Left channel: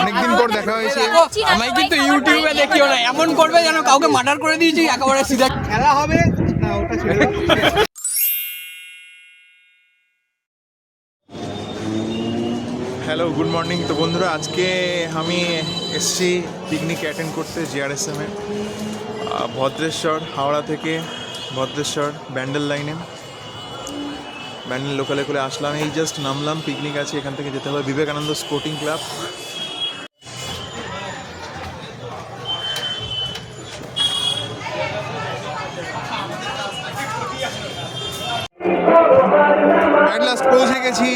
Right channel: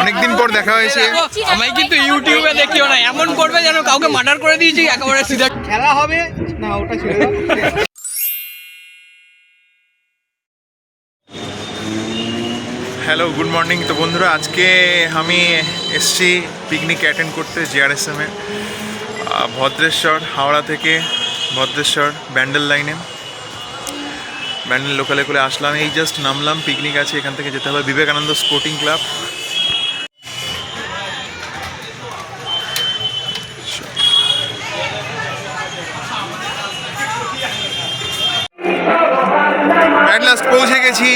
অনেকদিন পর দেখা হয়েছে। আমি কিন্তু ইউটিউবে দেখিও না, এমন করবে যেন কাউকে মার্ডার করে দিয়েছি একেবারে সিধা। খেলা হবে না, ওটা ছেড়ে দাও। Hello, good morning. তো বন্ধুরা, আজকে আমি এসছি পিকনিক অ্যাটেন্ড করতে জেআরএসএমের ভদ্রেশ্বর, হাওড়া থেকে ভদ্রেশ্বর ব্যান্ডেল লাইনে, ব্যান্ডেল লোকালে করে আসলাম। এই জাস্ট নামলাম, পিকনিক আছে, এখান থেকে যেতে হবে Vivekananda sporting club. At last পৌঁছে গেছি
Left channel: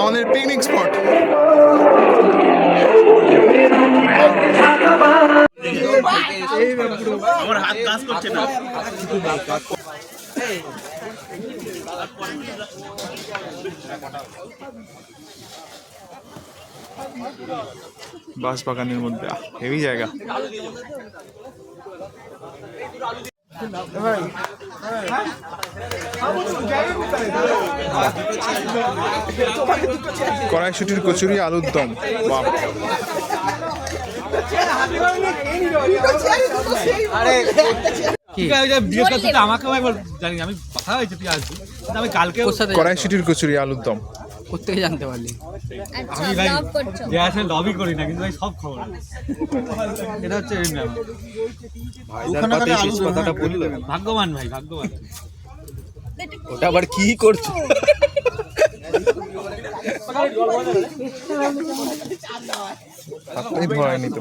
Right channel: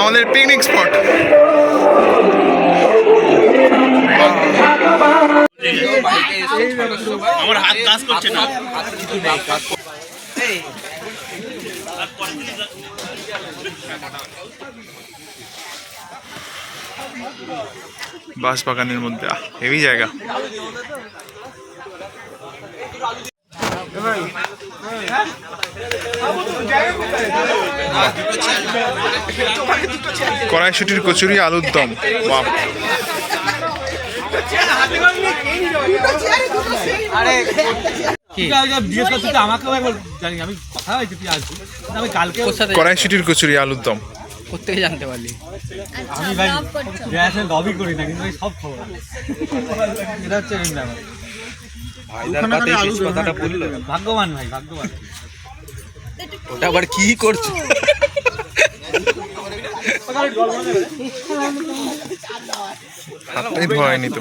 আমাদের পিকনিক স্পট। আমার হাত কাজ করছে না। বাঁশ বাগানের মধ্যে হেভি জায়গা। কড়াইশুটির কচুরি, আলুর দম, বাহ। কড়াইশুটির কচুরি, আলুর দম কোথেকে জানতে পারলি? আমি ভাই গ্যাসে লবি করি না, কিন্তু ভাই সব খবর এটা হচ্ছে ভাগ্যবান ভাই, ভাগ্যবান। ওটা আবার কি করছো? হাতটাই ধোয়ায়নি তো।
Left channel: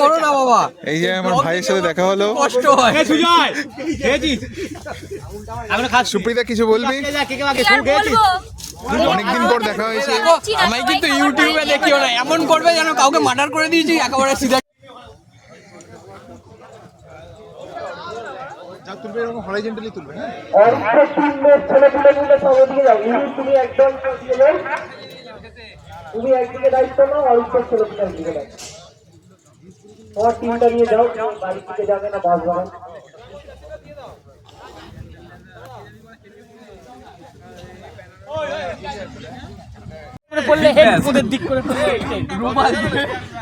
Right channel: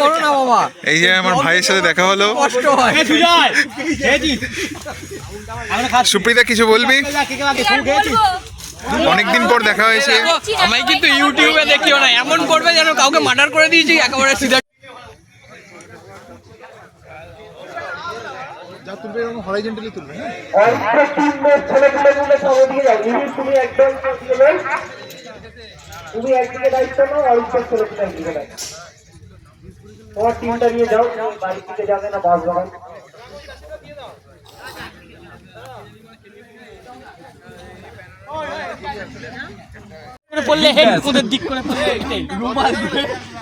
করো না বাবা, এই যে আমার ভাইয়ের সাথে দেখা হলো। কষ্ট হয়। সুপ্রিতা, কিছু বলবি? অনেকদিন পর দেখা হয়েছে। আমি কিন্তু ইউটিউবে দেখিও না, এমন করবে যেন কাউকে মার্ডার করে দিয়েছি একেবারে সিধা। তুমি একদিকে দায়িত্ব নাও, অল্পের ছেলেগুলো একদিকে দায়িত্ব। তোমার টিমটা নিয়ে যাও, বাড়ি থেকে যাবে না, বাস বাগান।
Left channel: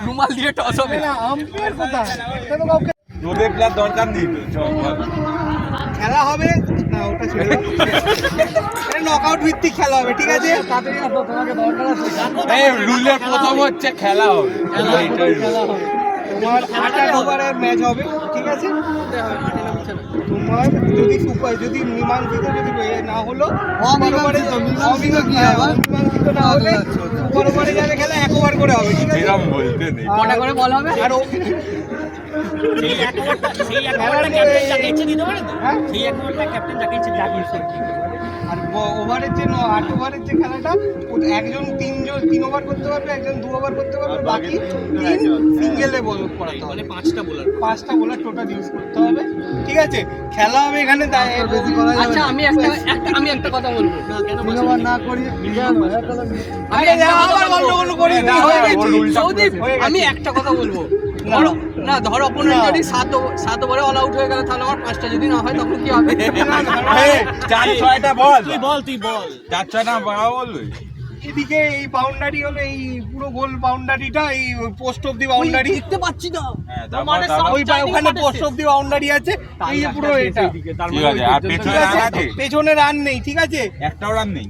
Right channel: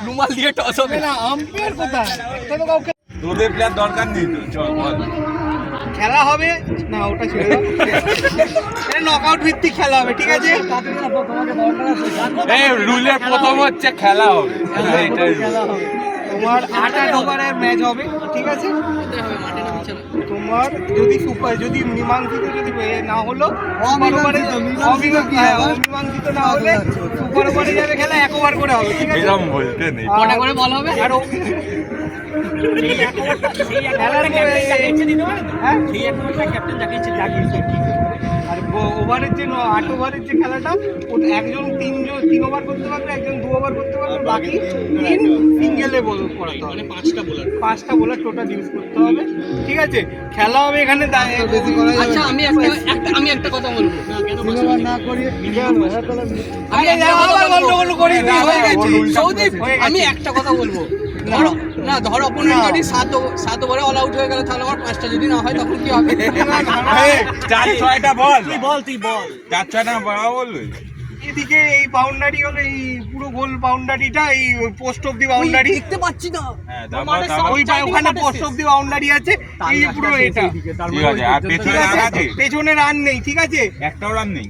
রুমাল দিয়ে টস হবে না। আম্পায়ার কোথায়? একটা তো কাউকে তোদের প্লেয়ার দরকার নেই তো, চল বল। খেলা হবে না, ওটা ছেড়ে দাও। এটা নকআউট ভিত্তিক খেলা হবে, ঠিক আছে? এই রুলের প্রথম হচ্ছে খেলা হবে। তোমার 8 ওভারের ম্যাচ হবে, ঠিক আছে? তোমার যদি যদি মীমাংসিত যদি না হলো, অমীমাংসিত না হলে সুপার ওভারে যাবে খেলা, 1 ওভার করে হবে, ঠিক আছে? এরকম বলতে নেই। কটা করে বল হবে? আর আর ওভারের যে 8 ওভারের যে খেলাটা, ওটা একজন 3 ওভার করতে পারবে, একজন 2 ওভার করতে পারবে, বাকি 3 সিঙ্গেলে বল করাতে হবে। 5টা বোলার টোটাল ইউজ করতে হবে, ঠিক আছে? খেলা হবে এখানে বেশি করা যাবে। আচ্ছা, আমি একটা কথা বলবো। না করি আরে আবার গন্ডগোল করি, হয়ে গেছে। সৌদীপ, আমি একটা কথা বলবো। ধরো অপোনেন্ট যদি 7 ওভারে অল আউট হয়ে গেল, তাহলে আমার 5টা যদি না হয় তখন কি হবে? 4-6টা বল, তুই বল 4-6টা বলবে। এদিকে এই বাউন্ডারি হলো, এই পুরো গোল বাউন্ডারিটা, এই পোস্ট অফ দি বাউন্ডারি দেখতে পাচ্ছি না। হ্যাঁ, তারপর ওখানে পোস্ট অফ দি বাউন্ডারি আছে, এই যে পুরো এটা, ঠিক আছে। আর পেছনে রান আছে? পেছনে রান নেই, ঠিক আছে? একটাও রান নেই।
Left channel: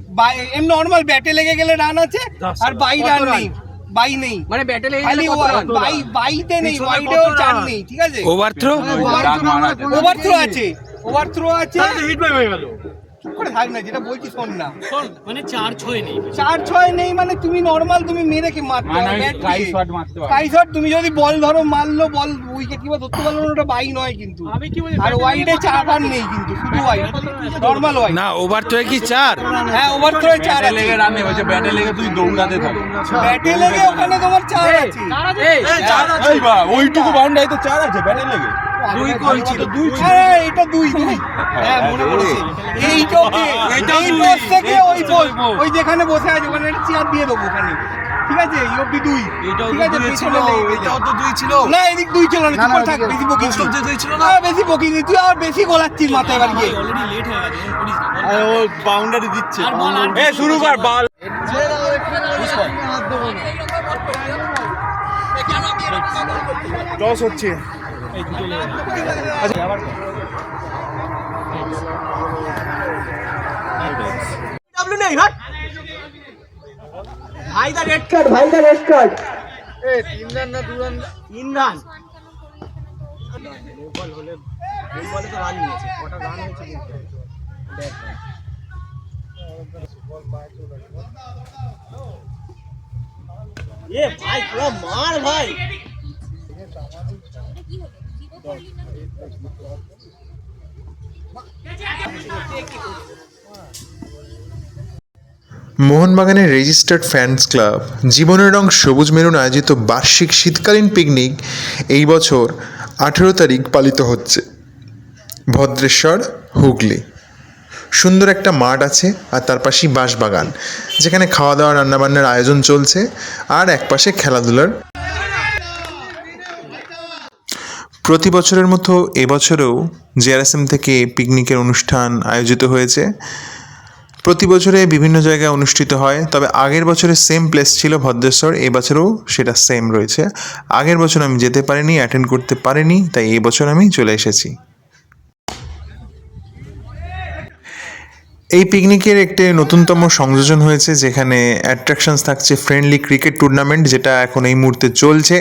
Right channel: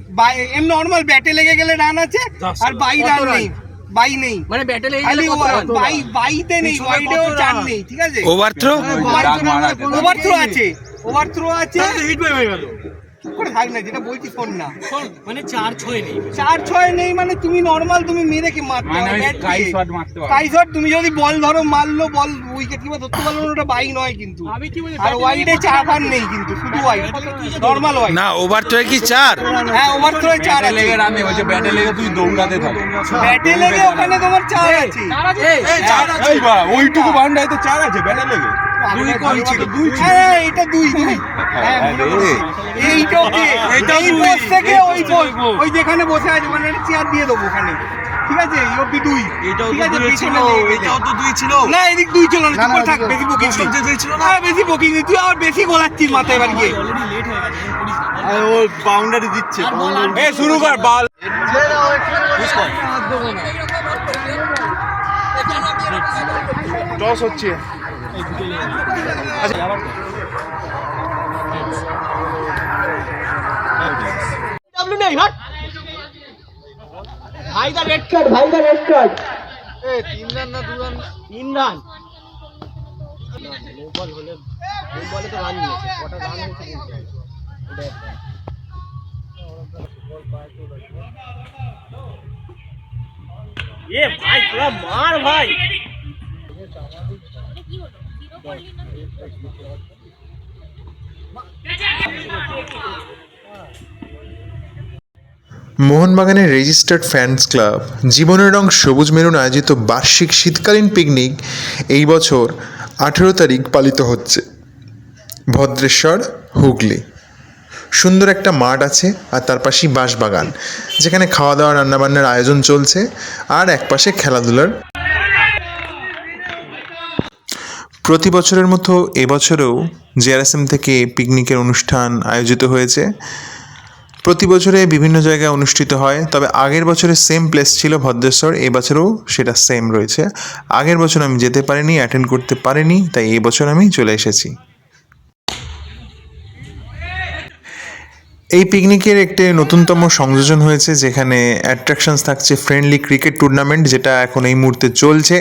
এমনি নরমাল ব্যাটে লেগে গেলে রান আছে, আর বাই রান নেই, বাই নেই, মানে ব্যাটে লেগে খালি গেলে বাইতে নেই, ওয়াইডেও চান নেই, ঠিক আছে? ওভারথ্রো ওভারথ্রো আছে, ওভারথ্রো আছে। চুপ করে থাক না, যেটা বলছি শোন না। মানে 4-6 নেই। 4-6 নেই মানে তুমি নরমাল, তুমি মেরে কি মারতে মানে হবে? স্কাই শট মারতে পারবে। স্কাই শট তুমি যদি বল ধরো, মারলো, বল উইকেট কিংবা ধরতে পারলো না, ওটা বাই নয় কিন্তু। আর ওয়াইডে 4 রান নেই কিন্তু, শুধু ওয়াইড, নরমাল ওয়াইড না। ওভারথ্রোয় কি 4? হ্যাঁ, ওভারথ্রোয় 4 আছে। লেগে রান নেই, বলছে ব্যাটে লেগে তুই দৌড়াতে থাক। ব্যাটে লেগে ওখানে তোমার 4 আছে। এই বা ওইটুকু বাউন্ডারিতে 4 আছে ব্যাটে লেগে। দুই কই ছিল? হ্যাঁ, এটা 2 হ্যাঁ, মনে পড়েছে। এইটা এই পোস্ট থেকে ওই পোস্ট, ওই যেখানে বসে আছে ওখানে একটা চেয়ার দিয়ে দেবো ওখানে, ঠিক আছে? এই অবধি 2, ঠিক আছে? পিছনে এটাও তো 2 ছিল না, এদিক 2 ছিল না, চুপ করে থাক, বেশি বকিং ছিল না, বেশি বকিং তুই আবার বেশি গোলাচ্ছিস মাথায় এবার গিয়ে। অলরেডি লেট হয়ে গেছে। ও বাউন্ডারি দিচ্ছে, শুরু কর বল। টস হচ্ছে। ভাইদা রেড কার্ড তিন রান নো বল হলে তো রান নিয়েছে, কটা রান হয়েছে এ ভাই তোরা মার ভাই। মোহনবাগানের রেজিস্টার্ড ফ্যান্স ক্লাব জীবনের রং সবুজ মেরুন আয়োজিত বার্ষিক শীতকালীন পিকনিক এই বছর 18 তারিখ পালিত হচ্ছে ভদ্রেশ্বর, হুগলি। সুন্দর একটা মাঠ আছে আর তার পাশেই বাঁশবাগান, যেখানে খাওয়া দাওয়া রান্নাবান্নার আয়োজন চলছে আর একপাশে খেলাধুলার। প্রতি বছরের মতো এবছরেও জেআরএসএম থেকে পিকনিকের অনুষ্ঠান আয়োজিত হয়েছে। প্রতি বছরে বিভিন্ন জায়গায় অনুষ্ঠিত হয়, তবে আগের বছরে সেম প্লেস ছিল ভদ্রেশ্বর, এবছরও সেটা সেম রয়েছে। আগের বছর আমি যেতে পারিনি, অ্যাটেন্ড করতে পারিনি, তাই এই বছর আমি চলে এসেছি। এই পিকনিকের একটি নতুনতম সংযোজন হয়েছে, যেখানে অ্যাট্রাকশনস থাকছে ফ্রেন্ডলি ক্রিকেট টুর্নামেন্ট, যেটা এখন এই মুহূর্তে চলছে।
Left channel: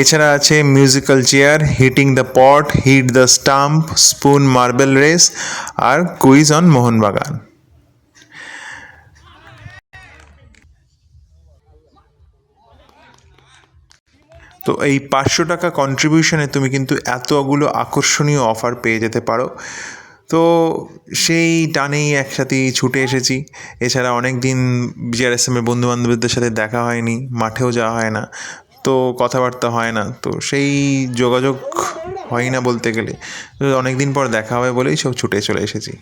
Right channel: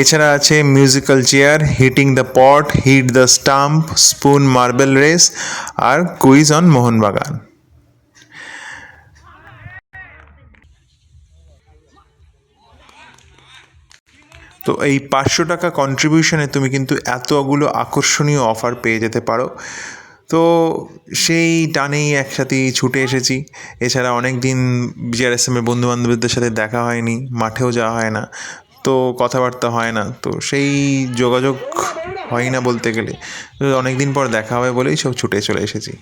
এছাড়া আছে musical chair, hitting the pot, hit the stump, spoon marble race আর কুইজ অন মোহনবাগান। তো এই 500 টাকা কন্ট্রিবিউশনে তুমি কিন্তু এতগুলো আকর্ষণীয় অফার পেয়ে যেতে পারো। তো সেই টানেই একসাথেই ছুটে এসেছি। এছাড়া অনেক দিন জিআরএসএমের বন্ধুবান্ধবদের সাথে দেখা হয়নি, মাঠেও যাওয়া হয় না, তো কথাবার্তা হয় না, তো সেই যোগাযোগ হয় না বলতে গেলে। তো অনেক দিন পর দেখা হবে বলেই সব ছুটে চলে এসেছি।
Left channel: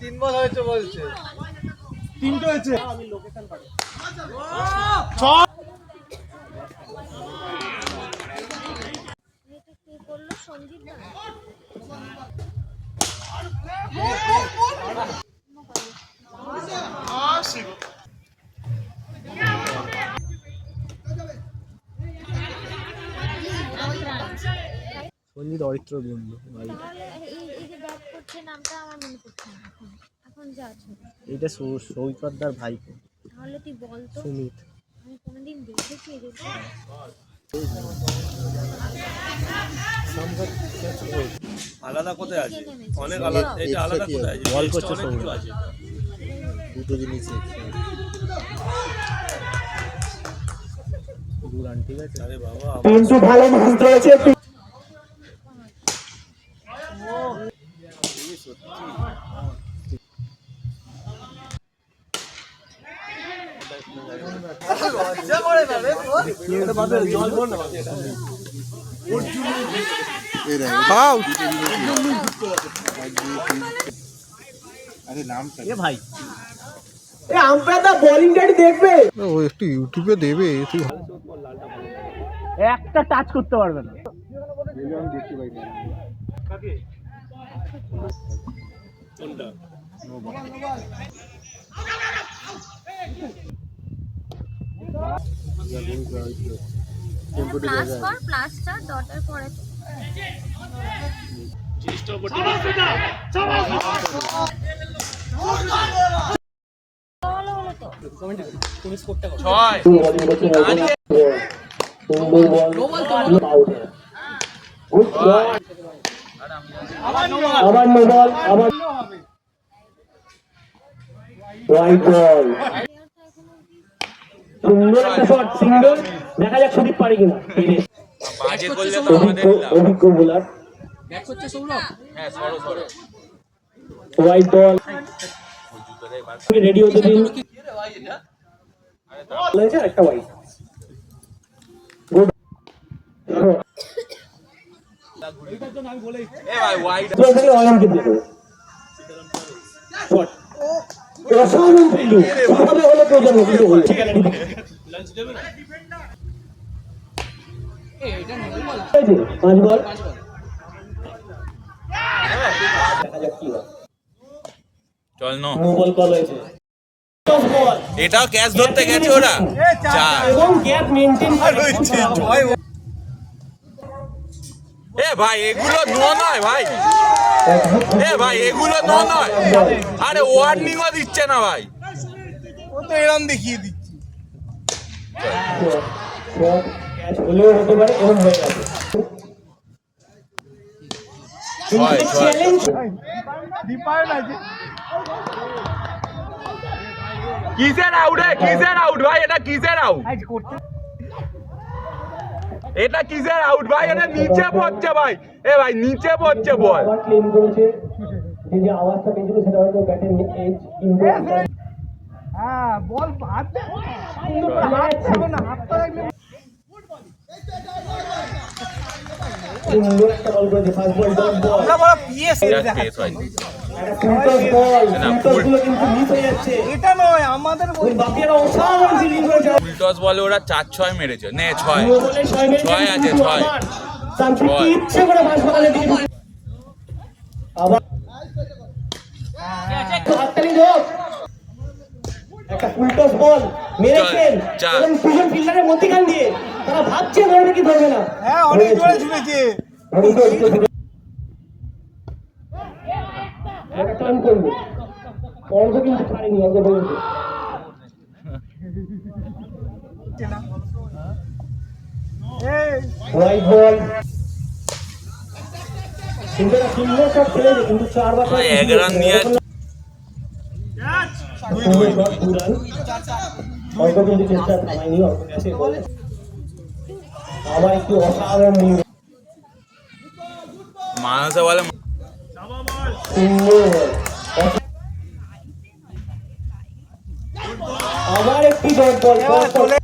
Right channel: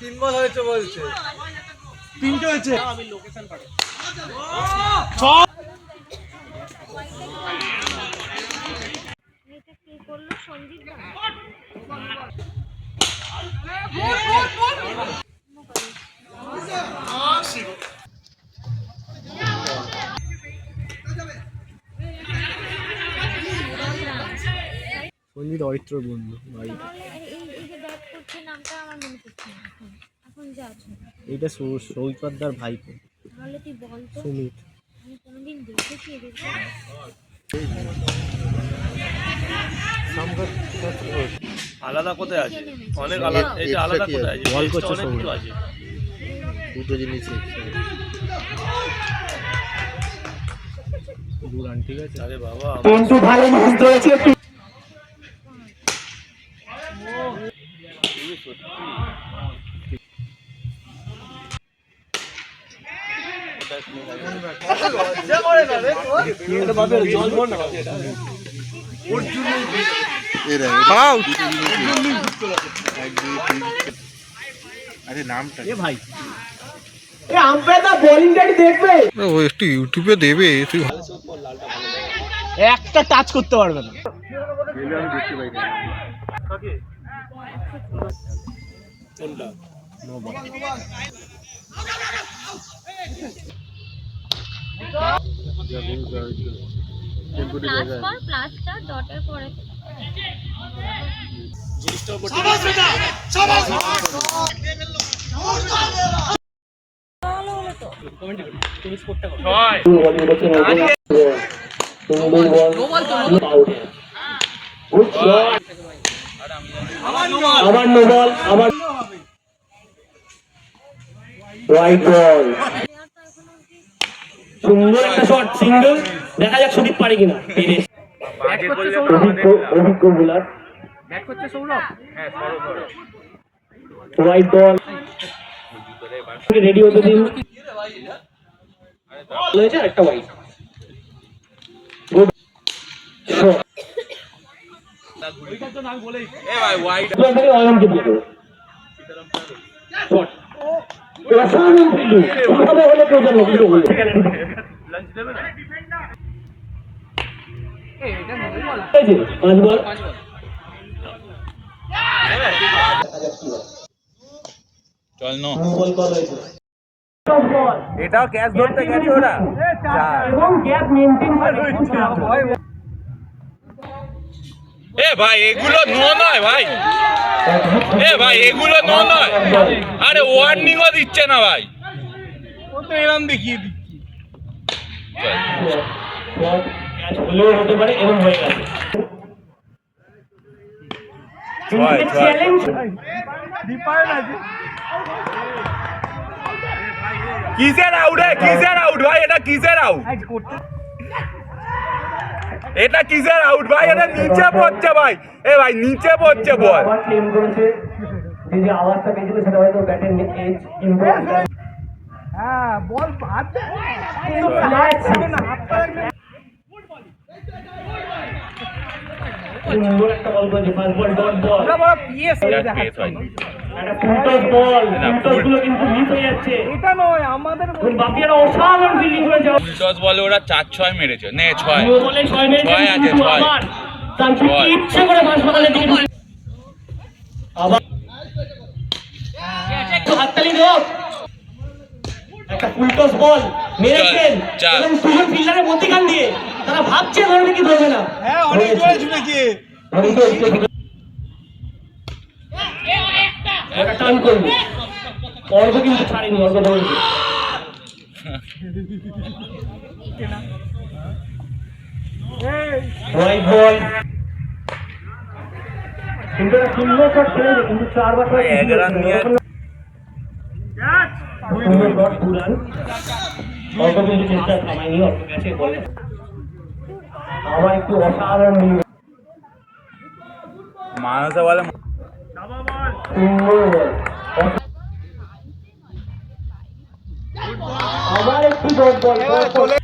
তিন বল হয়েছে বলছে, তিনটে হয়েছে। আমি লোকেশন পাঠাই। এটা কে করলো? সঞ্জিত সঞ্জিত অরিত্র বন্ধু ভাই। এই যে ব্যাট করছে নামটা আমার মনে পড়ছে না এখন। এখন যা আছে এইটা সৌকতদার ভাইপো তাহলে তুই বল তো, সুমিত। আমি কোনোদিন দেখেছি এদেরকে? আলাদা কোথায় আছে? অনেক আলাদা, এটা আলাদা কোথায় আছে? বল করছে অনেকগুলো সৌরভ। আছে। দুটো জিনিস দুরান, ঠিক আছে। আরে বাবা, কিন্তু ভালো ম্যাচ দিয়েছে। এ ভাই আম্পায়ারটা বোলিংটা দেখবে, ও একটু ইউটিউবে দেবে, তুই একটা টাচ করতে পারবে না। কোনটা? প্লাস্টার ডটের পরে তুমি স্পোর্টটা করো। আবার নো বল, আবার রাইট বল। সুন্দর একটা শট, সিঙ্গেল। দেখা যাক সুদীপ পারে কিনা। অভিজ্ঞ বোলার, ব্যাট করছে সৌরভ। রাইট বল, রেডি হতে দিন। হয়েছে একটা wide. Good shot, Olympic shot. অসাধারণ ফিল্ডিং, কিভাবে হলো কেউ জানে না, কিন্তু হলো। লাঞ্চ দেবে না? এটা নো বল। 5 বল। চল নো বল কল হয়েছে এটাও ক্যাচ ধরতে গেছে ওরা এবং গ্যাপ মেইনটেইন এ ভাই এগুলো নো নয় ভাই, এ ভাই এগুলো নো নয়, আরে ওয়ার্নিংও দিচ্ছে না ভাই। ও তো এরকম দেখিয়ে দিচ্ছি। ক্যাচ হলেও হতে পারে এবং হয়ে গেছে চ্যালেঞ্জ কিসের আউট কিসের আউট ভাই, এটা কিসের আউট, এটা কিসের আউট ভাই, এটা নিচে পড়ছে ভাই, এ ভাই নিচে পড়ছে বল। আবার ক্লেম করেছে যে আওয়াজটা পেয়েছিল সেটা হয়তো ব্যাটের এজ ইমপ্রুভ হ্যাঁ বল হাত সুন্দর একটা বল করেছে ফার্স্ট বল ডট বল আমরা বড় পিএস এটা কেস হয়। একটা ফুলটস বল ফুলটসগুলো কিন্তু মিস হয়ে যাচ্ছে এটা নয় আমাদের বাকিরা অসাধারণ ফিল্ডিং করেছে ফুলটস বলে ওরা 4-6 মেরেছে, নে 6 নিউ বলে 6 মেরেছে ছয় আছে, ছয়। সানফিল্ড ইচ্ছে করে হাসপাতালের দিকে ঢুকে আবার হাততালি দাও একটা ফুলটস বল মেরেছেন চার। এবং দুজন ফিল্ডারের মধ্যখান দিয়ে তারা ভাবছে ধরবে কি ধরবে না হ্যাঁ অনেক জোরে ছুটেছে ওটা টার্ন করবে অর্ঘ কিন্তু ছাড়েনি, অর্ঘ ধরেছে হোয়াইট বল কিন্তু একটা সুন্দর শট খেলেছে কিন্তু 4 বার ভাই, 11 রান নিয়ে সুন্দর শট পুরান অর্ঘ কিন্তু চেষ্টা থামায়নি, অর্ঘ গেছে বলে আবার একটু অসাধারণ মানুষে বলে সুন্দর বল আবার একটু ডট বল চলে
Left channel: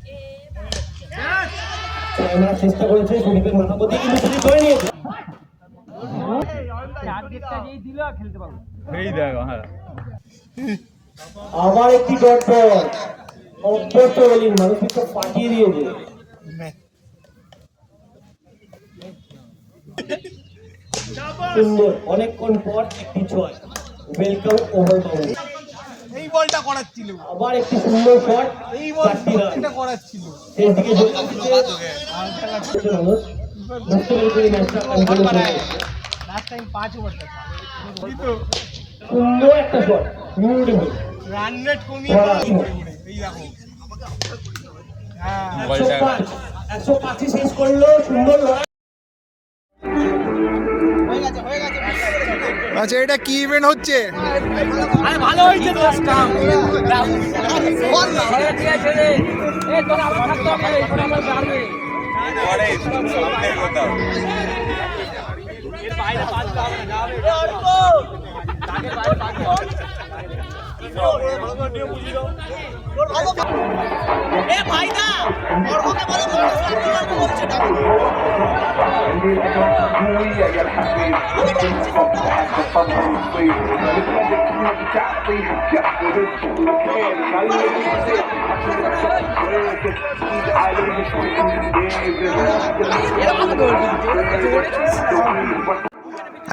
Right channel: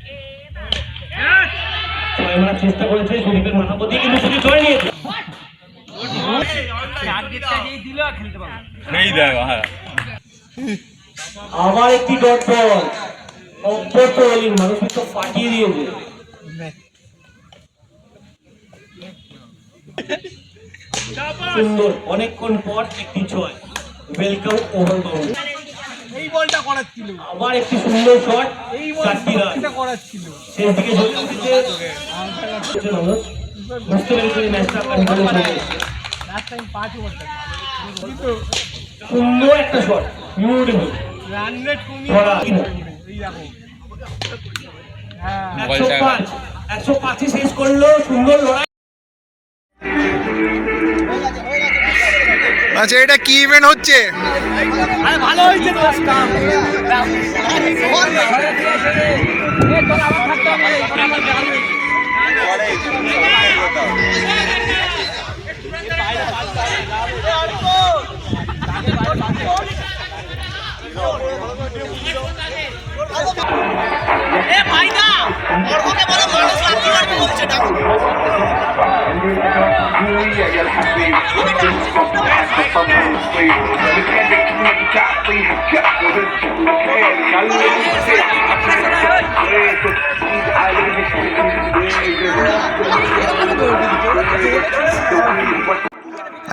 আমরা চেষ্টা করেছে সুদীপের মাথা প্রতি কিন্তু সুদীপ ধরে নিয়েছে এই দেখো, হ্যাঁ আবার একটি ডট বল অব্যর্থ বোলিং মানুষ তো ফাটিয়ে দিয়েছে সুন্দর অনেকক্ষণ পর একটি 6 ওয়েলকাম ওভার বাউন্ড এই বলটা করাচ্ছিল আবার একটি সুন্দর শট এই বল 4টি রান এটা করাচ্ছিল শেষ দিকে চলে এসেছে মানুষ বুঝতে পেরেছে ম্যাচটা কন্ট্রোল করে লাস্ট টাইম 5 ওভার সুন্দর একটা শট বিউটিফুল রান রেট কমিয়ে ধরা এই দেখো হ্যাঁ মোবাইলটা 105 শেষ করলো সুন্দর লড়াই আচ্ছা এটা কি ইভেন্ট হচ্ছে? আরে ভালো হয়েছে তো স্টাম্প তোর আবার থাকতে হবে আমার গাড়ি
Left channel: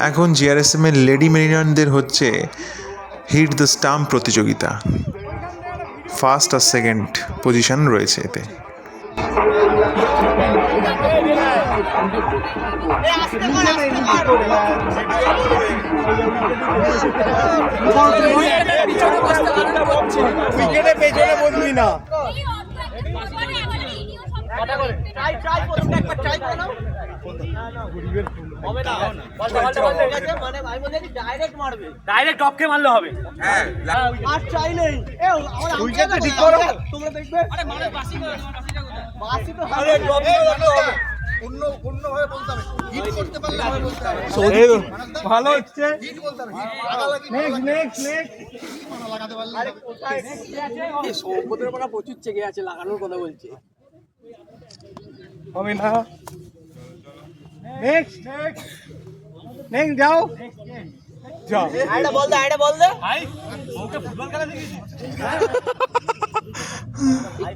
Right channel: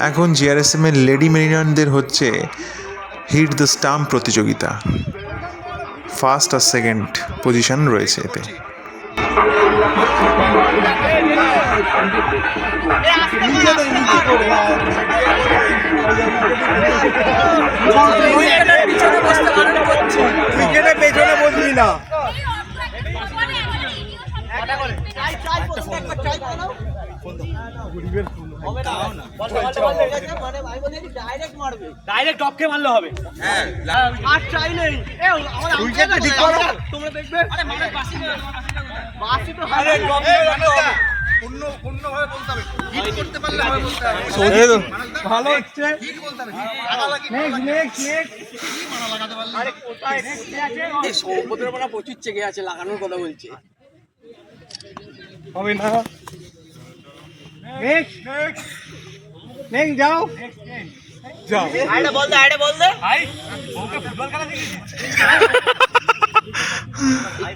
এখন জিআরএসএম এর লেডি মেরিনারদের হচ্ছে হিট দ্য স্টাম্প প্রতিযোগিতা। ফার্স্ট আর সেকেন্ড পজিশন রয়েছে এতে। ক্রিকেটের পেছনে বসবি না ডাইরেক্ট টপকে মারলে হবে আর চাই নেই উইকেটটা ঠিক করো তোমরা দেখবে আরে মানে বাসি তো আরে অন্য ভাবে বলতে হবে হিট করতে পারলে ভালো হচ্ছে হিট বলতে হবে নেক্সট মারা লাগাতে পারলে আরে কোথায় আছে সৌম্যদের বড় প্রচুর চেগে আছে লাগানোর কথা বলছে হবে না নেক্সট যাও যাও আইডা বল দে ভাই ওকে ফুটবল খেলা দেখিস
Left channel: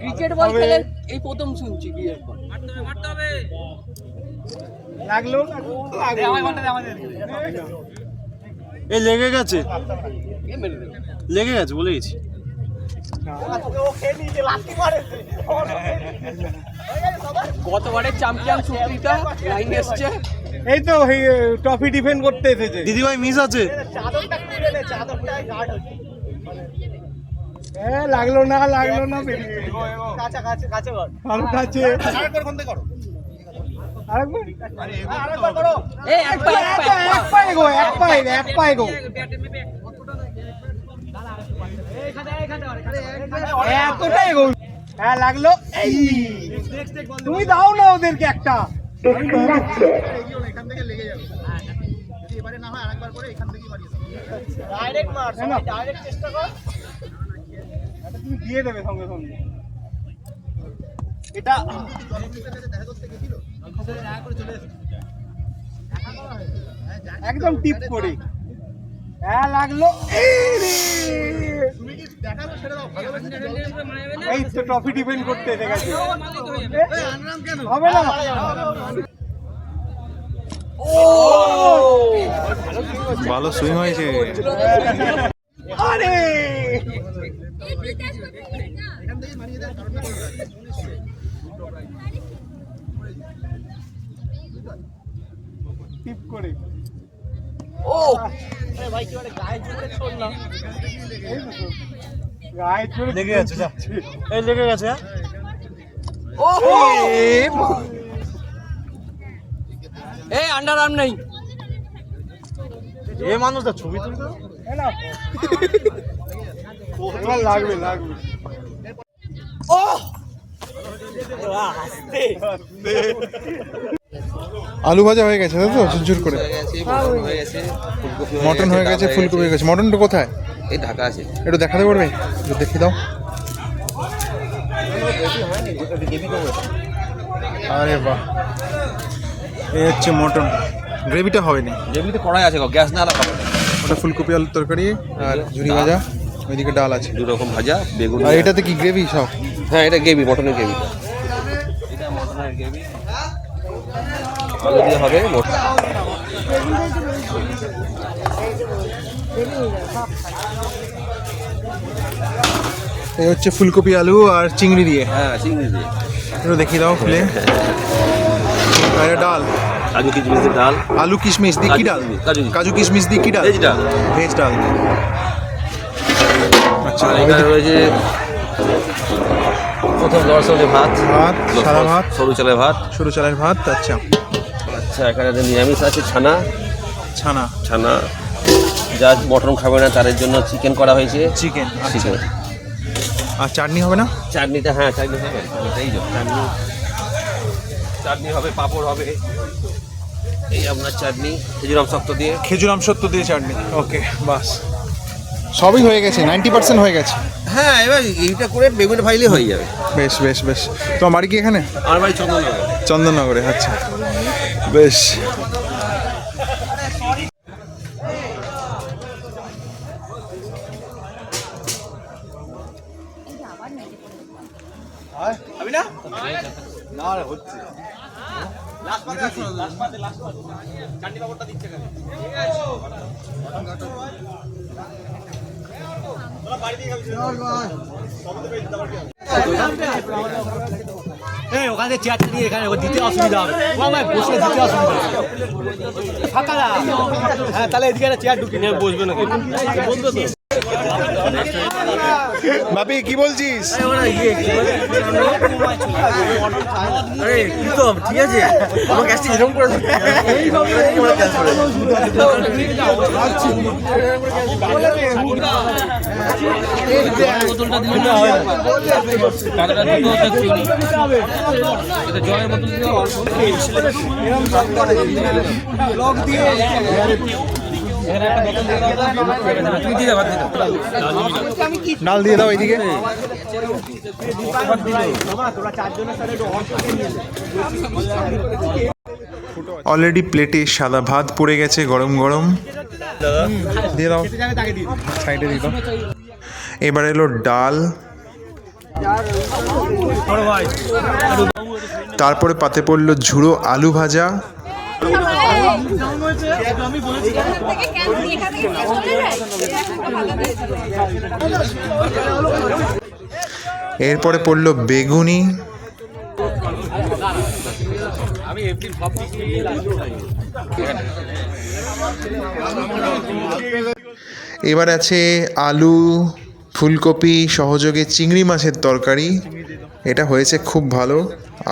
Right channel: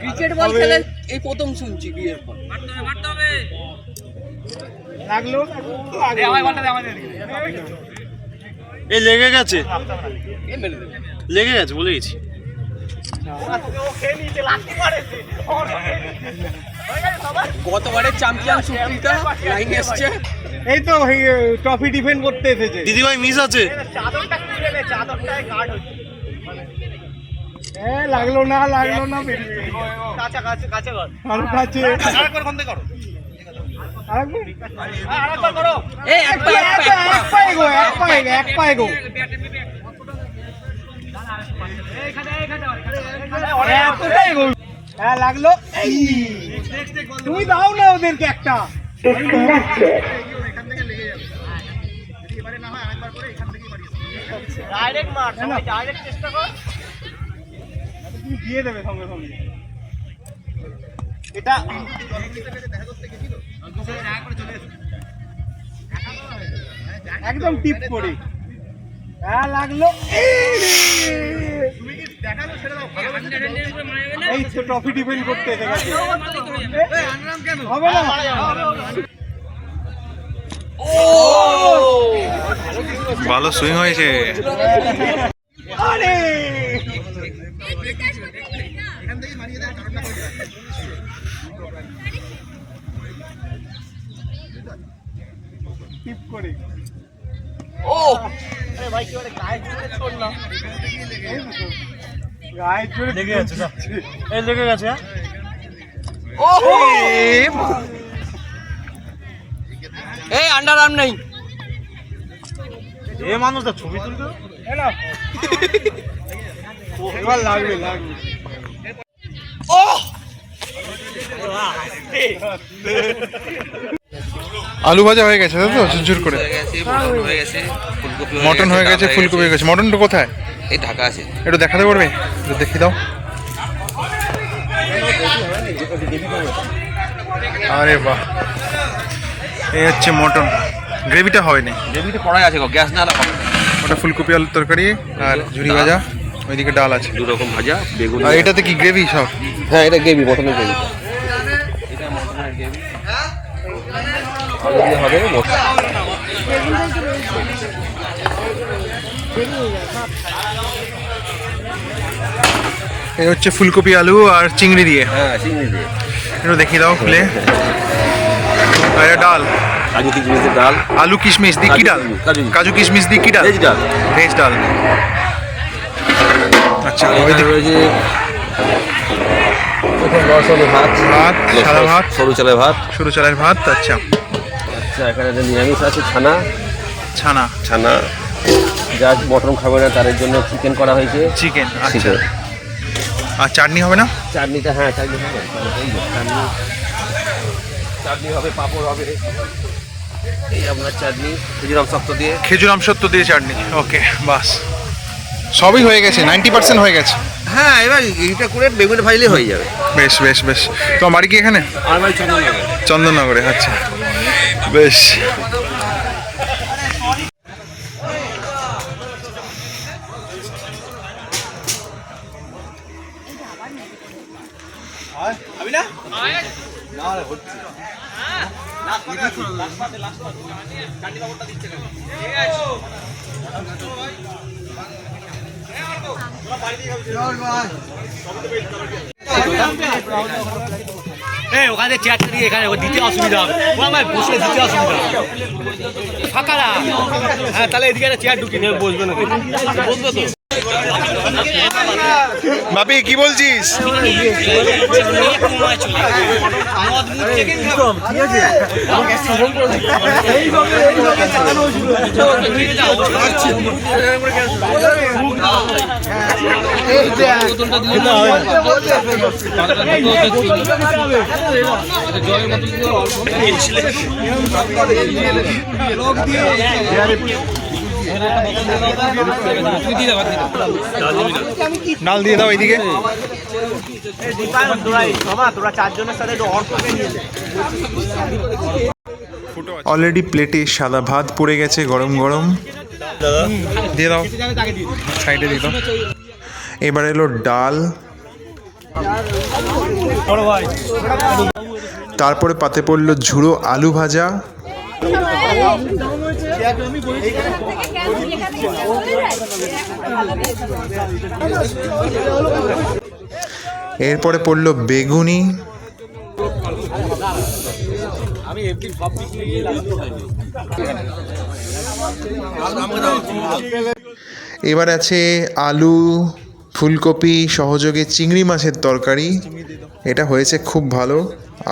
ক্রিকেট বল খেলে এই প্রথম শুনছি বিয়ের পর মারতে হবে লাগলো দে আমায় বলটা দে আমাদের এই লেগে গেছে বলে গেছি। গতবারের চ্যাম্পিয়ন সুপ্রিতা লাইন এসছে। এই তো ট্রফি ডিফেন্ড করতে এসেছে। দিদিভাই মিস আছে। লাগলো না আরো কাছে এক পায়ে গো এতটাই গো। হ্যাঁ লাগলো। এই তুমি দাও না ওদেরকে একটা। তুমি দিয়ে দেবে সঙ্গে সঙ্গে। এটা একদম টিপ করে। হ্যাঁ লাগলো। এই তো ট্রফি ডিফেন্ড করতে এসে গেছে। হবে না। ভালো সুইং হয়েছে। আরে টিপ করে। গায়ে জোরে লেগে গেছে। এই লেগে গেছে। এই আন্ডার আর্ম নেই। এ মানুষ তো ছবি তুলতে এবার লাগবে। আলু ভাজা হয়ে গেছে তাই তো, ঝুরঝুর করে। মটন হয়ে গেছে, ফুলকপি হয়ে গেছে। মটনটা কোথায়? এই ঢাকা আছে। একটু দেখাতে পারবে? একটু দেখিয়ে দাও। আরে বাহ, এই হচ্ছে মটন। গ্রেভিটা হয়নি, গ্রেভিটা কড়াই আছে, গ্যাস না হবে। ওটা ফুলকপি আলুর তরকারি আর ঝুরি ভাজা, ওইদিকে ডাল আছে। দু রকম ভাজা, বেগুন। আর এটাতে কি গ্রেভি সব? হ্যাঁ এটা গ্রেভি, মটনের গ্রেভি। এটা মটনের গ্রেভি, আলু দিয়ে হবে। এই হচ্ছে ফুলকপি আলু আর চিংড়ি দিয়ে। হ্যাঁ চিংড়ি দিয়ে। একটু দেখিয়ে দাও খুলে। আর এটা ডাল, কাজু কিশমিশের ডাল। আলু কিশমিশ দিয়ে কি ডাল? কাজু কিশমিশ দিয়ে কি ডাল? ভেজ ডাল। ভেজ ডাল। আচ্ছা, ওইদিকে প্রথম দর্শনে ভাত, সাদা ভাত, সরু চালের ভাত। সরু চালের ভাত। আচ্ছা আচ্ছা, এখানে একটা নিরামিষ আছে, ছানা। ছানা যা মটন খাবে না তাদের জন্য চিকেন করা হয়েছে। চিকেন। আচ্ছা, আর চাটনি হবে না? চাটনিটা, হ্যাঁ চাটনি হবে। এই যে চাটনি হবে, পাঁপড় হবে। এই আপনার চাটনি খেজুর আমসত্ব দিয়ে। খেজুর আমসত্ব দিয়ে চাটনি। ওকে, বাস সবই হয়ে গেছে, 90% হয়ে গেছে। হ্যাঁ, এবার এইটা করে বেগুনে ভাজলে হয়ে যাবে। বেশ বেশ বেশ। তোমার বাড়ি কি এখানে? আমার বাড়ি চন্দননগর। চন্দননগরে। আচ্ছা বেশ। ওখানে চেয়ারটা দিয়ে এখানে দিতে অসুবিধা হবে। বসে দিতে অসুবিধা হবে। ফাঁকা না। হ্যাঁ তাহলে এদিকে একটা চেয়ার ঢুকিয়ে নিয়ে বসবে না। বাপি কি বলছিস? ঠিক আছে, আমাকে এরকম করে ডাল দিয়ে দাও এইদিকে। অলরেডি প্লেটে সাদা ভাত পড়ে গেছে, গরম গরম। দিয়ে দাও, সাইডে দিয়ে দাও। এবার এলো ডাল, তারপরে পাতে পড়লো ঝুড়ো আলু ভাজা, এরপরে পড়লো বেগুনি, এবার আছে আলু ফুলকপি সহযোগে চিংড়ি মাছের তরকারি। এটা হয়েছে খুব ভালো,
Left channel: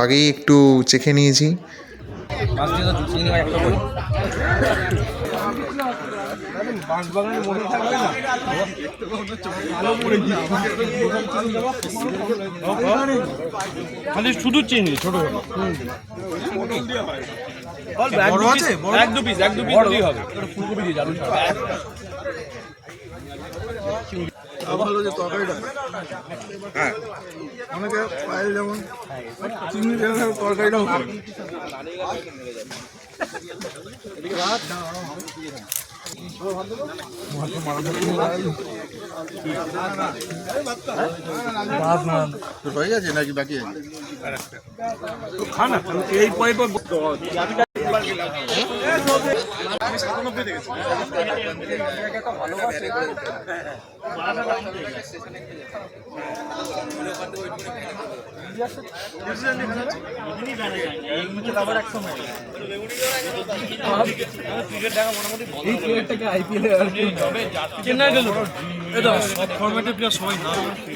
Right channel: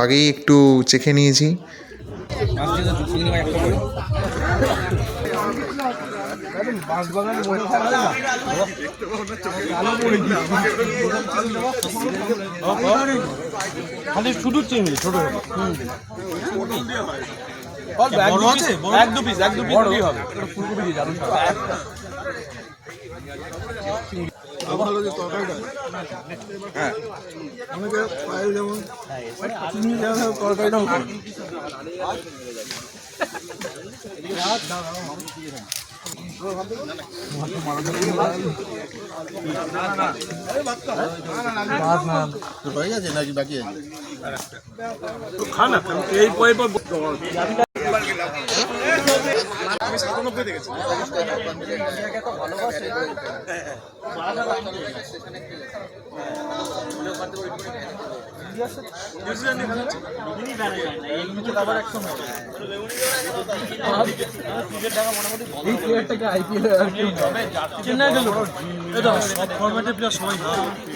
আগেই একটু চেখে নিয়েছি। শুধু চিংড়ি ছোট এক দু পিস দিলেই হবে। ফুলকপি দিয়ে যাবে ভালো যে তরকারিটা, হ্যাঁ অনেকে পায়ে যেমন চিংড়ি তরকারিটাও হয়ে গেছে নাকি বাকি আছে? খানা এই চেন্নাই গেল সব ফরম্যাটে প্লেয়ার সবাই।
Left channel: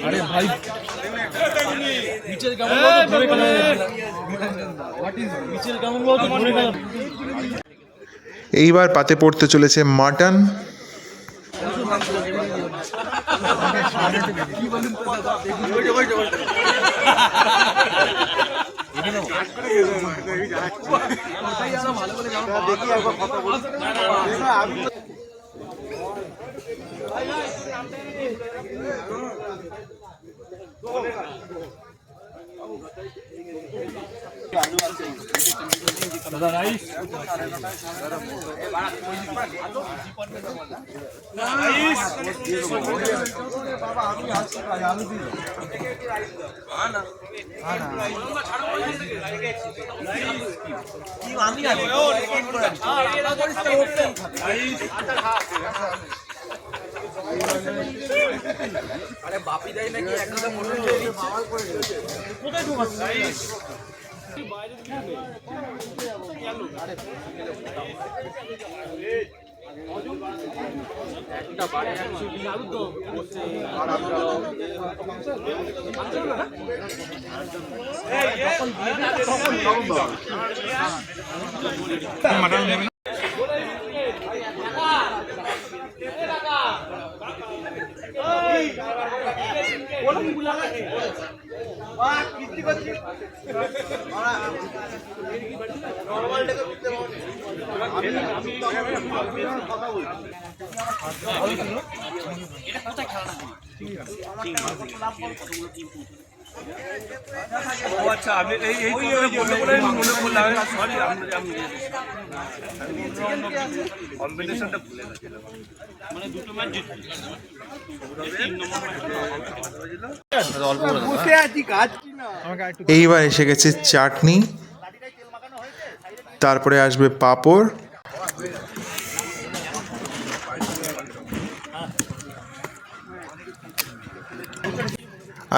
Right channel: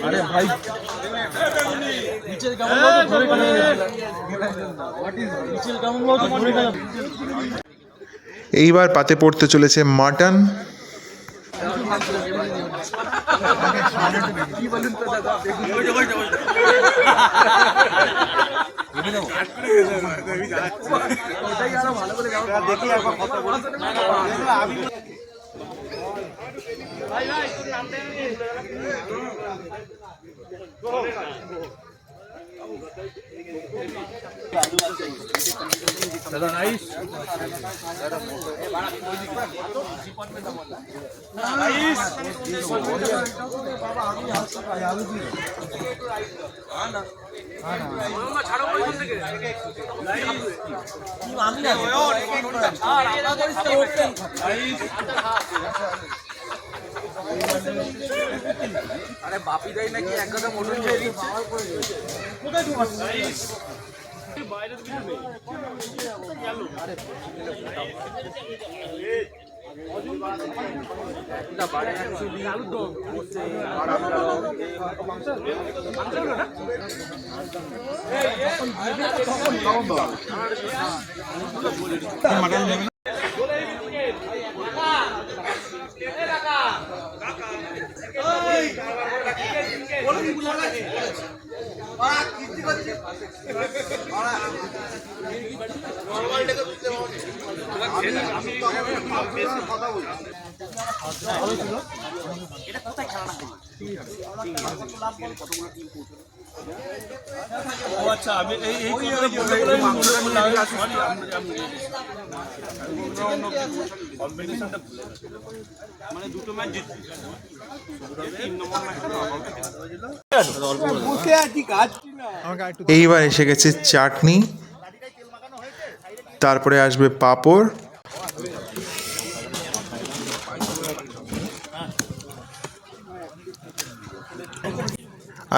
আরে ভাই নিচের কেমন ধরে গেল, নিচের কেমন ধরে গেল। এইবার পাতে পড়তে চলেছে মাটন। আরে বাপি দেয় নাকি একটা মোটর আচ্ছা আমি এই কম্বিনেশনটা ভুলে গেছি, মানে দুটো ম্যাচ জিতছি। এইবার এসে গেছে চাটনি, তারপরে আসবে পাঁপড়,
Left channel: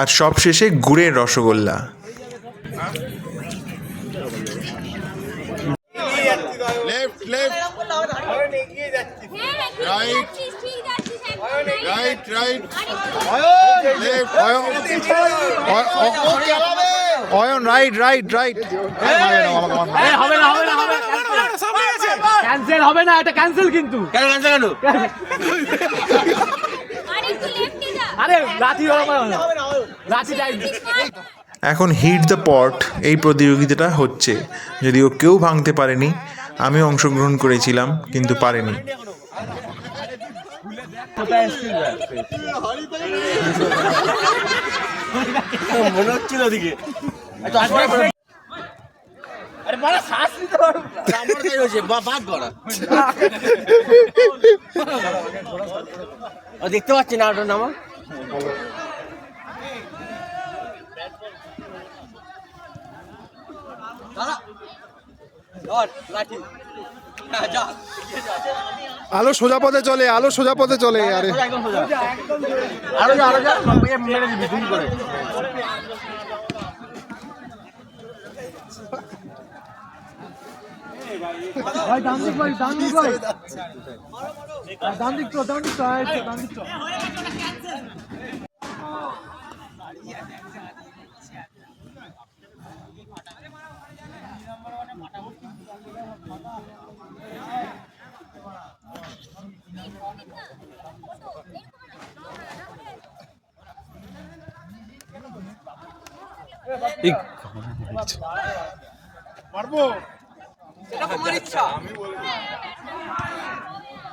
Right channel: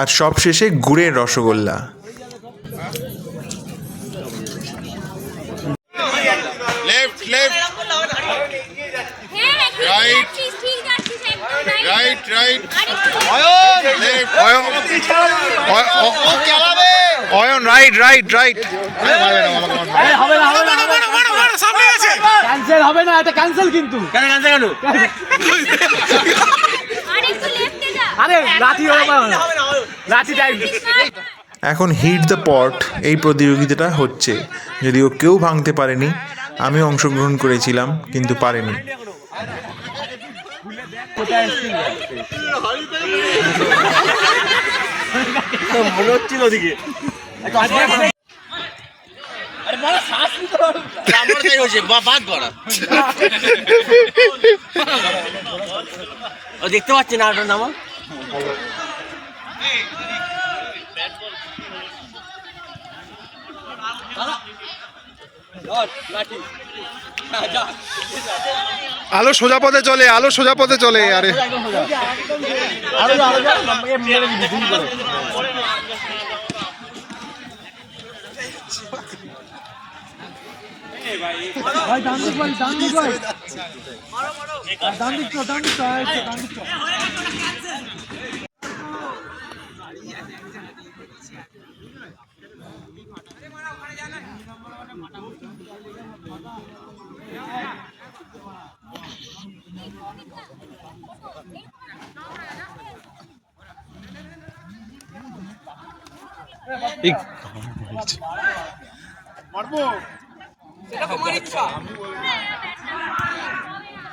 আর সব শেষে গুড়ের rasgulla. Left left right right right Ayan right right right. Cancel হবে না, এটা ক্যান্সেল কিন্তু। কেন ক্যান্সেল কেন? আরে লাঠি হবে না, লাঠি যায়নি। এখন হিট দ্য পট এই প্রতিযোগিতাটা হচ্ছে, যদিও কেউ ভাঙতে পারেনি। আমি অংশগ্রহণ করেছিলাম কিন্তু পারেনি। মনে হচ্ছিল ওদিকে দেখতে পাচ্ছি না ওটার নাম। আলো সোজা পথে চলে, আলো সোজা পথে চলে। আরে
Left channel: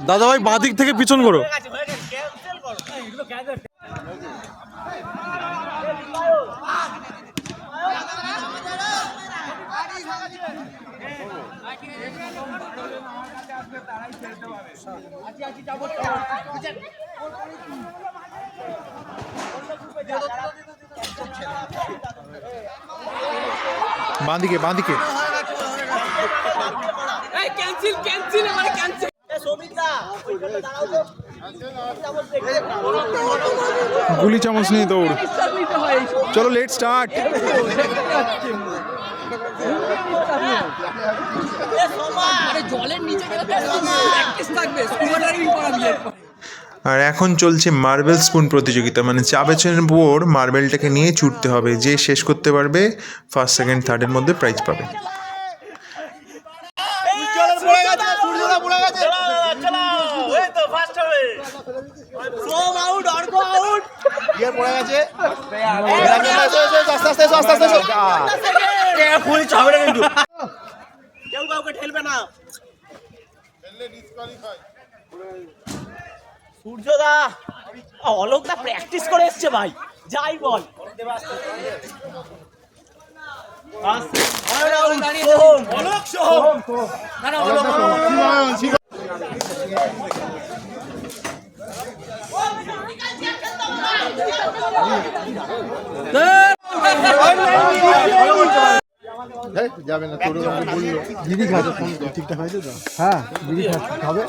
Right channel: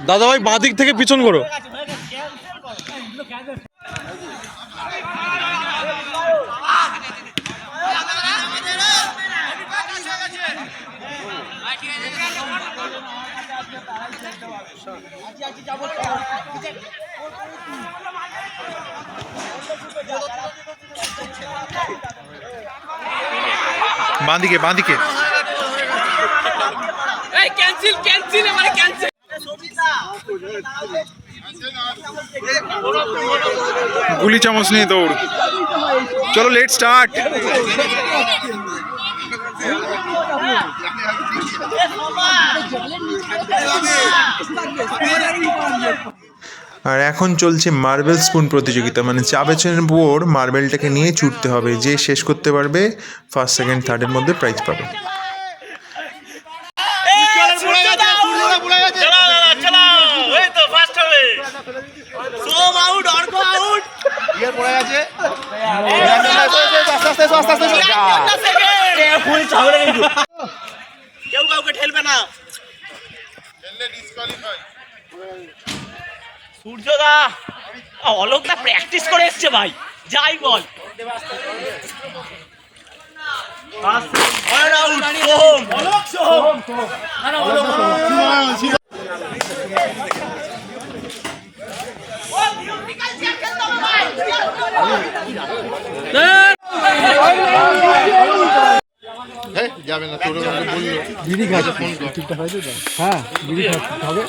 দাদা ভাই বাঁ দিক থেকে পিছন করো। বাঁদিকে বাঁদিকে গুলি চামচ নিয়ে দৌড়। চলো লেট স্টার্ট। আর এখন চলছে মার্বেল স্পুন প্রতিযোগিতা, মানে চা বেচনের উপর মার্বেলটাকে নিয়ে ছুটতে হবে, যে শেষ করতে পারবে ফার্স্ট সেকেন্ড থার্ডের মধ্যে প্রাইজ পাবে। কেউ কাউকে ঠেলবে না। সূর্যদা অলোকদা প্র্যাকটিস করে এসছে ভাই, যাই বল। যাবে না তোর বিড়ি খাচ্ছে ফোন ঠিকঠাক হয়েছে তো? হ্যাঁ বিড়ি খাবে।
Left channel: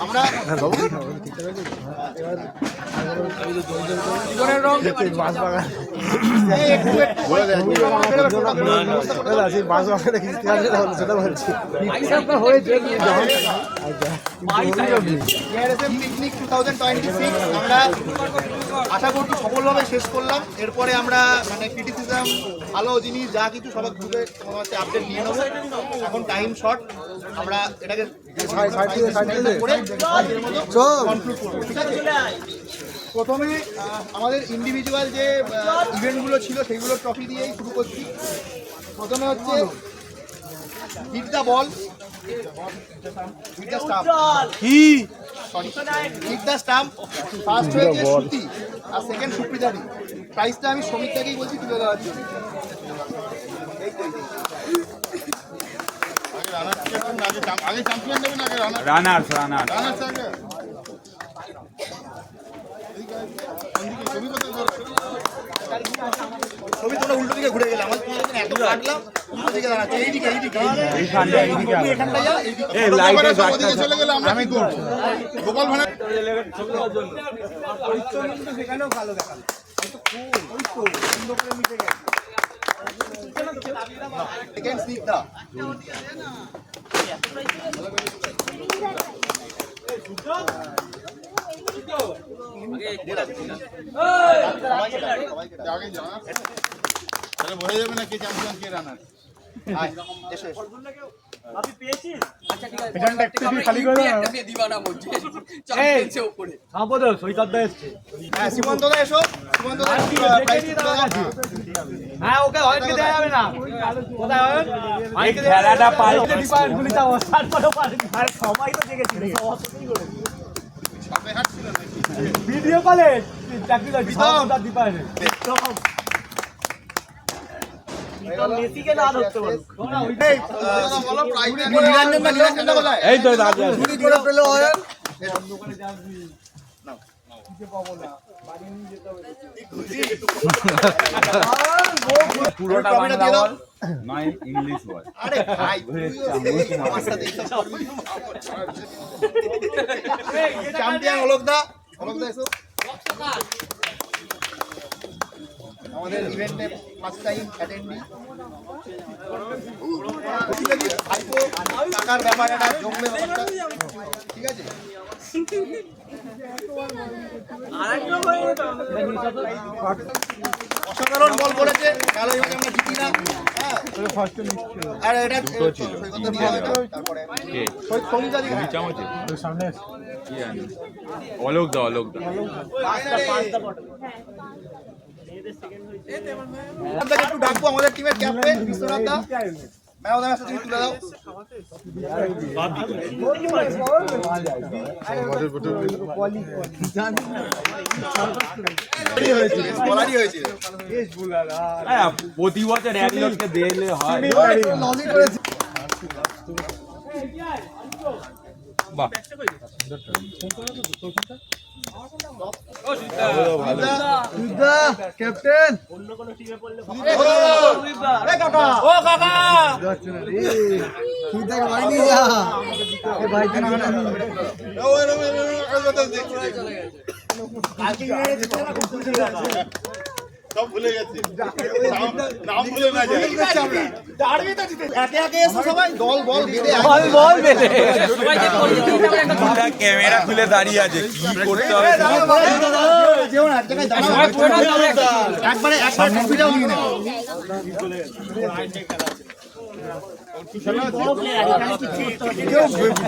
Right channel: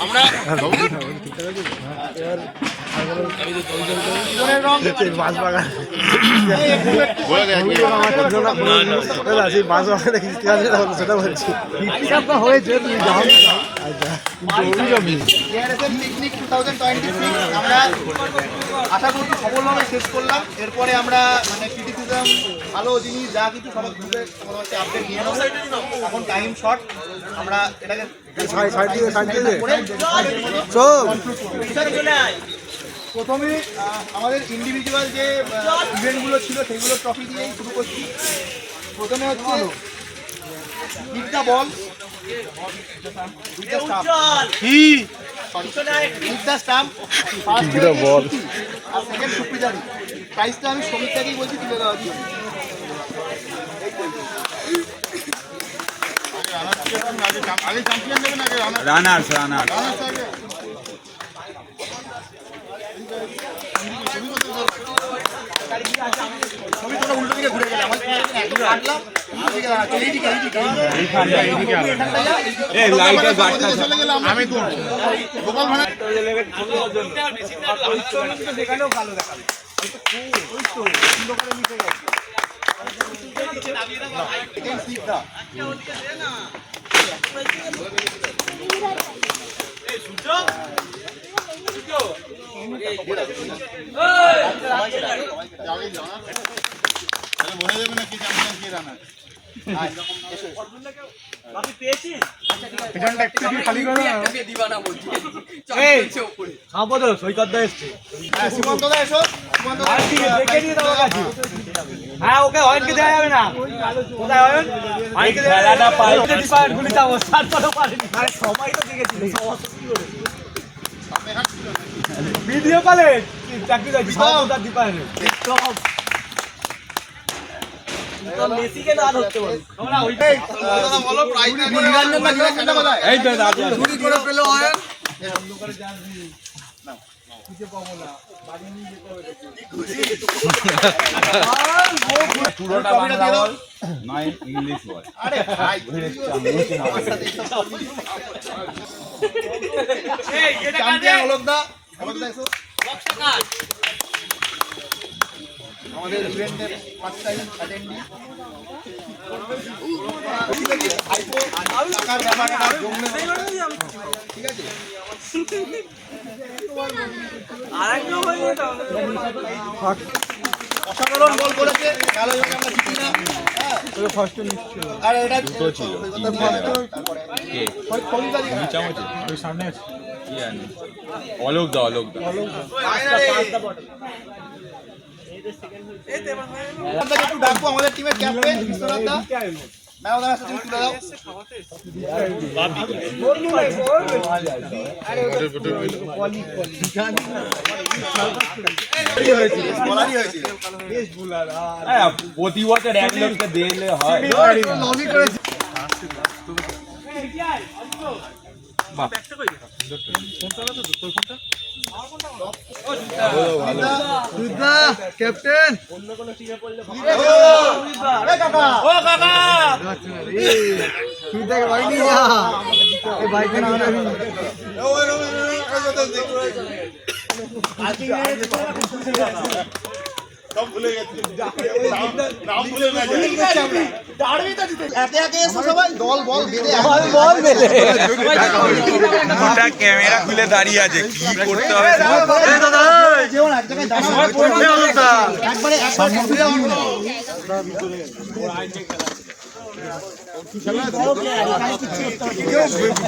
পিকনিক 2026 আমরা আশা করছি সফলভাবে শেষ করলাম। এরপরে আমরা মানে ক্রিটিসিজম ভালো জিনিস যা কিছু সবার গ্রুপে তোমাদের হচ্ছে আপডেট নিয়ে নেবো। এখন টাইম শর্ট, আমরা এটাকে প্রথমে আমাদের ইন্ডিভিজুয়াল যে ইভেন্টগুলো ছিল সেগুলো ট্রফি দিয়েই শুরু করছি। প্রথমে হচ্ছে hit the ball, hit the stump, hit the stump, first ball আর সেকেন্ড সুপ্রিদারি। প্রাইসটা আমি শ্রমিকটাকেই বলছি তুলে দেওয়ার জন্য। ছবি কোনো উল্টো দিকে ঘুরে গেলে আমার কাটলাম আমি করবো গোপাল ভাড়া সেখানেও ভালো দেখাবে। বোঝা যাবে না কে চ্যাম্পিয়ন কে রানার। ভিডিও কলে চাকরি দীপায় এই তো চ্যাম্পিয়ন অলোকদা, অলোকদা এসো। আমাদের ইভেন্টের ফার্স্ট টাইম অ্যাটেন্ডি। টাকার ব্যাপার একটা জমবে ব্যাপারটা, ঠিক আছে? অসাধারণ বল করেছে, কালো এবার আমরা জিতি না। আর এটা অলোক দা আপনাকে একটু ডাকবো আমাদের টিমের ক্যাপ্টেন বিশ্বনাথ দা। ম্যাম কাছে তুমি তুলে দাও। বলারই হয়েছে। প্রতি বছর এক লোককে দিলে হয়। ক্যাপ্টেন সব ভুলে গেছি, নাম ভুলে না যায়। একে একে এসো সবাই, দল বল বেঁধে ক্যামেরা খুলে দাঁড়িয়ে আছে, কি করতে হবে? যেমন এক জায়গায় দাঁড়াও, একবারে ফিরে উঠি না।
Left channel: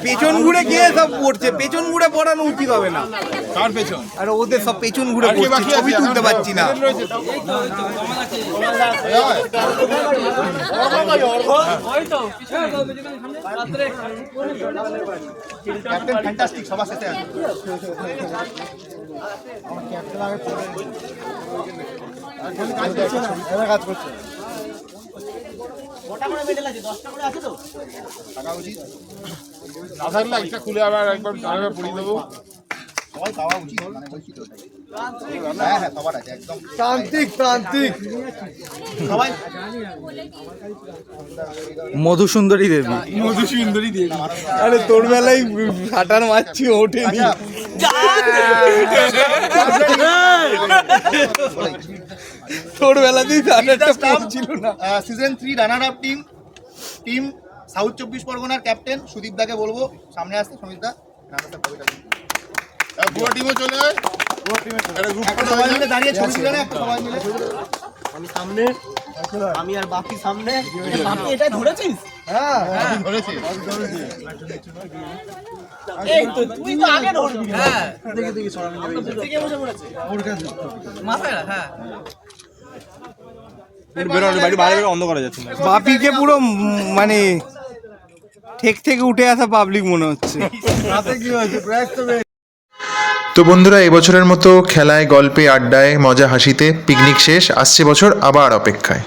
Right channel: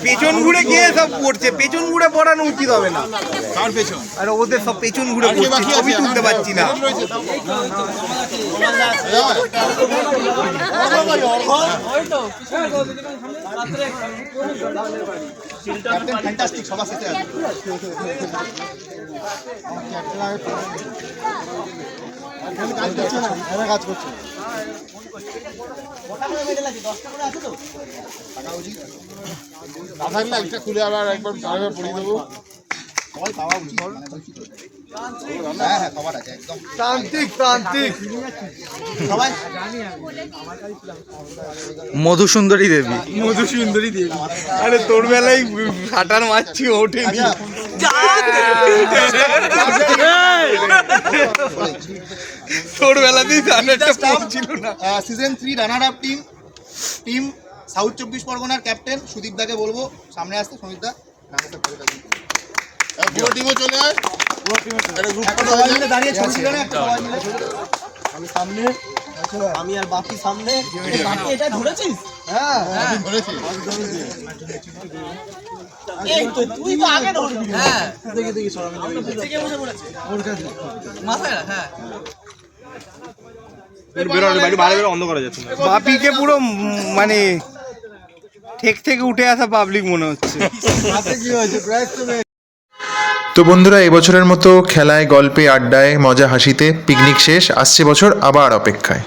পেছন ঘুরে গিয়ে সব পড়ছে, পেছন ঘুরে পড়ানো উচিত হবে না। কার পেছন? আর ওদের সব পেছন ঘুরে পড়ছে, ছবি তুলতে পারছি না। ক্যাপ্টেন ফ্যান্টাস্টিক, সবার সাথে আছে। কাজ করছে না থাকলে একটা খুলে আবার একবার পড়িয়ে দেবো। সবাই পাওয়া উচিত, মানে বলছি তো। হ্যাঁ হ্যাঁ, সবার আছে একদম প্রান্তিক প্রান্তিক সবাই। মধুসুন্দরী দেবী, মধুসুন্দরী দেবী। আরে তোর বেলায় ফাটার মারছি, ওঠেনি। তোর বেলাতেই ছিল না। Season 3 runner up team south 24 পরগনার ক্যাপ্টেন সুদীপ দাকে বলবো সামনে আসতে। সমিত দা পুরো টিমও চলে আয়, পুরো টিমে একটা সবাই মিলে দাঁড়িয়ে ছবি তুলে না, একটা সবাই মিলে। আমি সামনে, আমি আর বাকি সামনে। বাকি এটা ধরেছিস? হ্যাঁ ধরেছি। এই তো তুই তো আগে ধরবি। হ্যাঁ দেখি দেখি সরামি নেবে। থেকে বসে পড়েছে ওর কাছে মাথায়। হ্যাঁ বাপিকে পুরো মানে ঠেক থেকে উঠে আসা পাবলিক মনে হচ্ছে। কি হয়েছে? তো বন্ধুরা, এবছরের মতো খেলায়, গল্পে, আড্ডায়, মজা হাসিতে পিকনিক শেষ। আসছে বছর আবার অপেক্ষায়।